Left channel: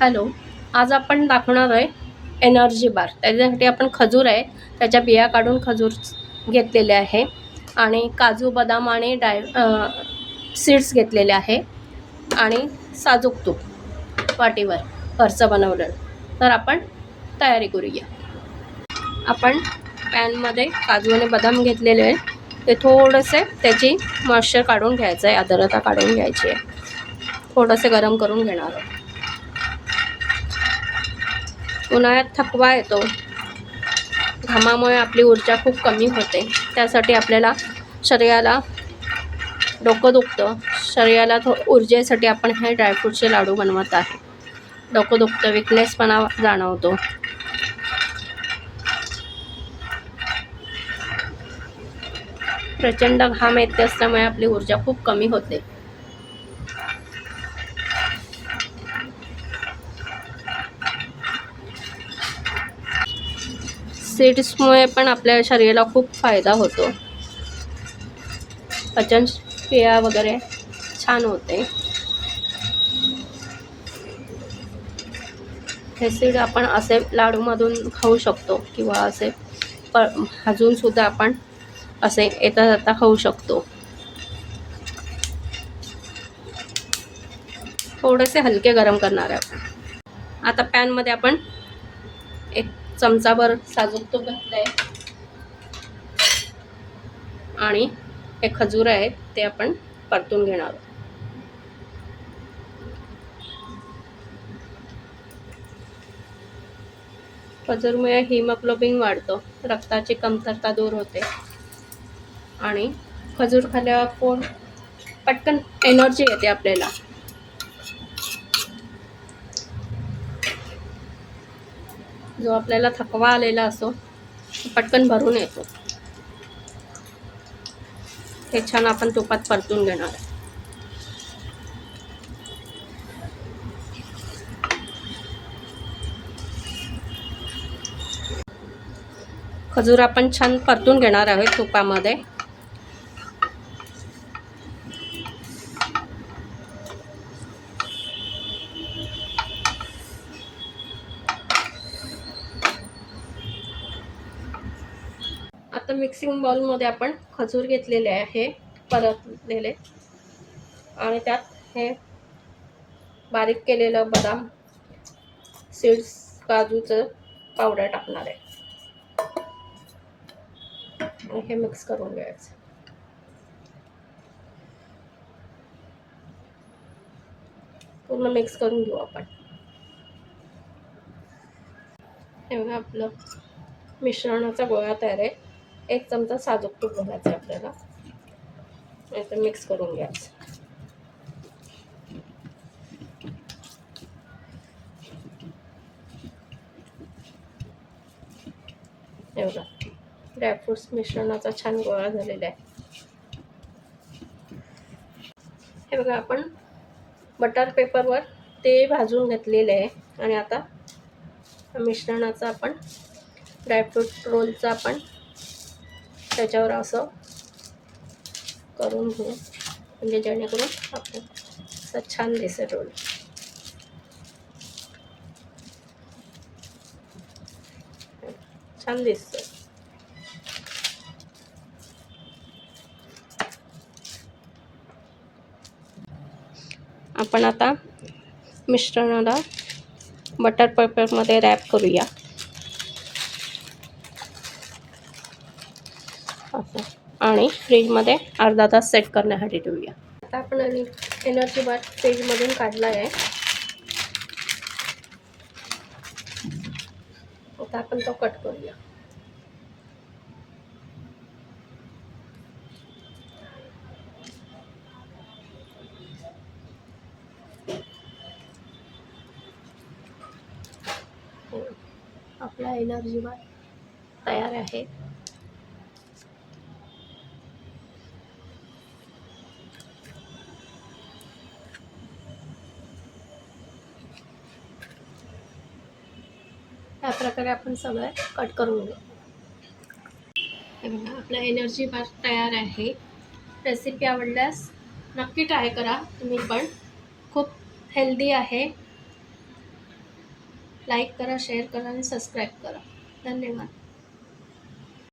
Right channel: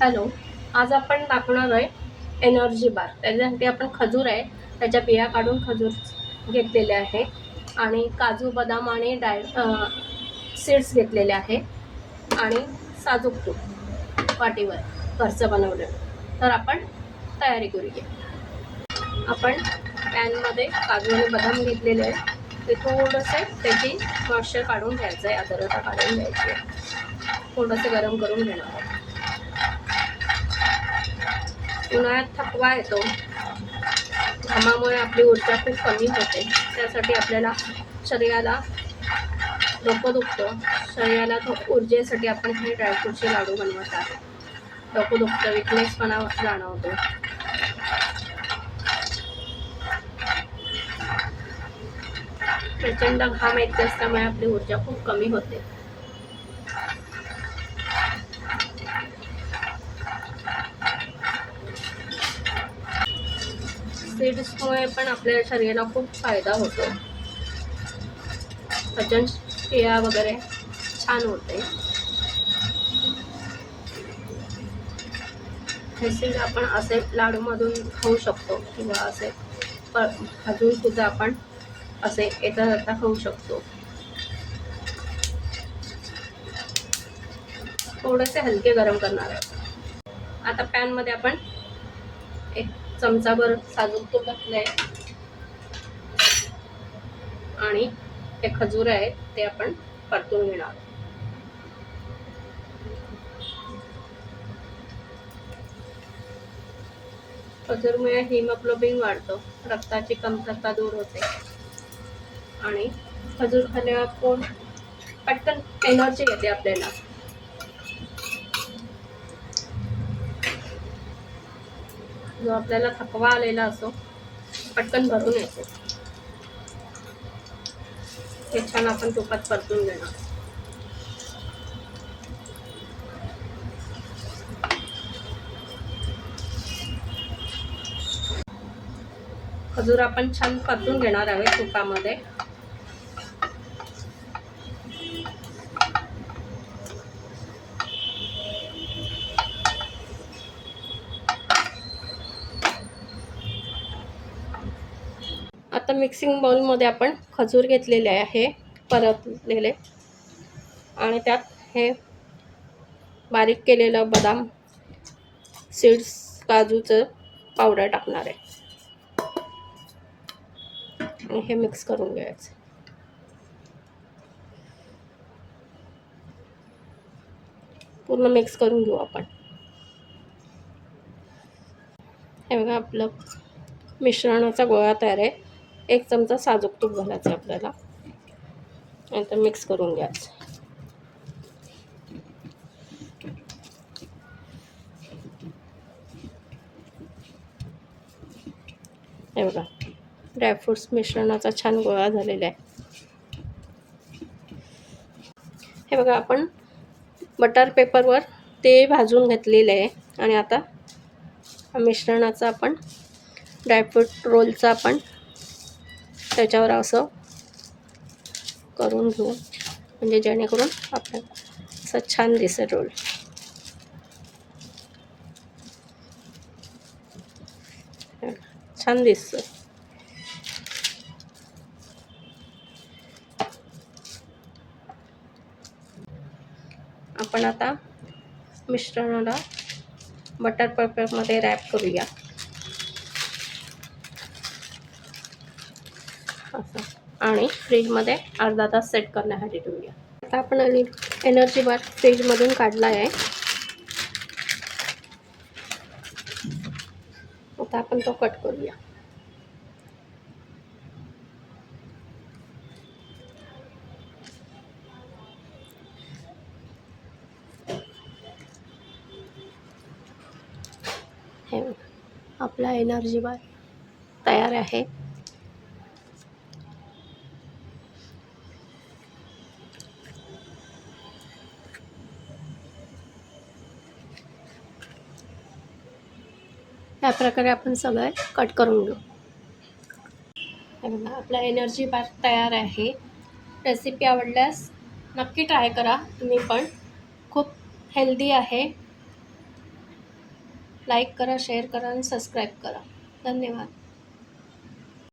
Hello. आज आपण दाखवणार आहे एनर्जी बार. त्याच्यासाठी आपण खजूर आहे त्याच्या बिया काढून खजूर घेतलेले आहे आणि काजू बदाम आणि सीड्स घेतलेले आहे आणि साजूक तूप वाटीवर घरचं बनवलं. तर आपण तयारी करूया. आपण पॅनमध्ये काजू आणि बदाम घेतलेले आहे. ते थोडेसे त्याची मॉइश्चर काढून घ्यायचं आहे, आर्द्रता काढून घ्यायची आहे. थोडंसं गरम करून घेणार आहे. उन्हाळ्यात थकवा येतो, घामामुळे आपली ऊर्जा खूप कमी होते. त्यासाठी आपल्याला शरीराला डोकं दुखतं, शरीराला ऊर्जेसाठी आपण हे ड्रायफ्रूटचे लाडू बनवत आहे. डोकं दुखतं, विकनेसपणा जाणवतो. प्रचंड घाम येते असल्यामुळे आपली ऊर्जा खूप कमी होते. सीड्समुळे पण आपल्या शरीराला खूप फायदा होतो. पचन क्रिया वगैरे छान होते. हे सीड आपण असे लाडूमधून खाऊ शकतो किंवा असे भाजून सुद्धा आपण असे येता जाता खाऊ शकतो. थोडेसे हलके गरम करणार आहे. आता पॅनमध्ये आपण 1 चमचाभर साजूक तूप घातलंय आणि हे खजूर आहे ते आपण परतून घेणार आहोत. खजूरमुळे हिमोग्लोबिन वाढतं, रक्ताची कमतरता दूर होते आणि खजूर खाल्ल्यावर पटकन एनर्जी येते आपल्याला. जो आपल्याला थकवा आलेला असतो पटकन भरून येतो. हे छान आपण तुपात परतून घेणार. खजूर आपण छान परतून घेणार आहोत तुपामध्ये. आता मिक्सिंग बाउलमध्ये आपण खजूर घेतलेले आहे परतलेले आणि त्यात हे बारीक केलेलं बदाम सीड्स काजूचं पावडर टाकणार आहे आणि हे मिक्स करून घ्यायचं. पूर्ण मिक्स करून घेऊ आपण. हे बघा आपलं मिश्रणाचा गोळा तयार आहे. 1 चमचा साजूक तूप घालायचं आपल्याला आणि ते मिक्स करून घ्यायचं. हे बघा ड्रायफ्रुट्स मिश्रणाचा छान गोळा झालेला आहे. हे बघा आपण बटर पेपरवर ते भाजून घेतलेलं आहे आणि आता मिश्रणाचा आपण ड्रायफ्रूट रोलचा आपण त्याच्यावर असं करून घेऊ, म्हणजे जेणेकरून आपल्याला असं छान दिसेल रोल. छान दिसतं. आपण आता मिश्रणाला बटर पेपरमध्ये रॅप करूया असं आणि फ्रीजमध्ये अर्धा तास सेट करण्यासाठी ठेवूया. आता आपण एनर्जी बार फ्रीजमधून काढला आहे. आता आपण तो कट करूया. हे आपला एनर्जी बार तयार आहे. या प्रकारे आपण सगळे कट करून घेऊ. हे बघा आपला एनर्जी बार तयार आहे. रेसिपी आवडल्यास नक्की ट्राय करा तुम्ही पण. खूप हेल्दी आहे. लाईक करा, शेअर करा आणि सबस्क्राईब करा. धन्यवाद.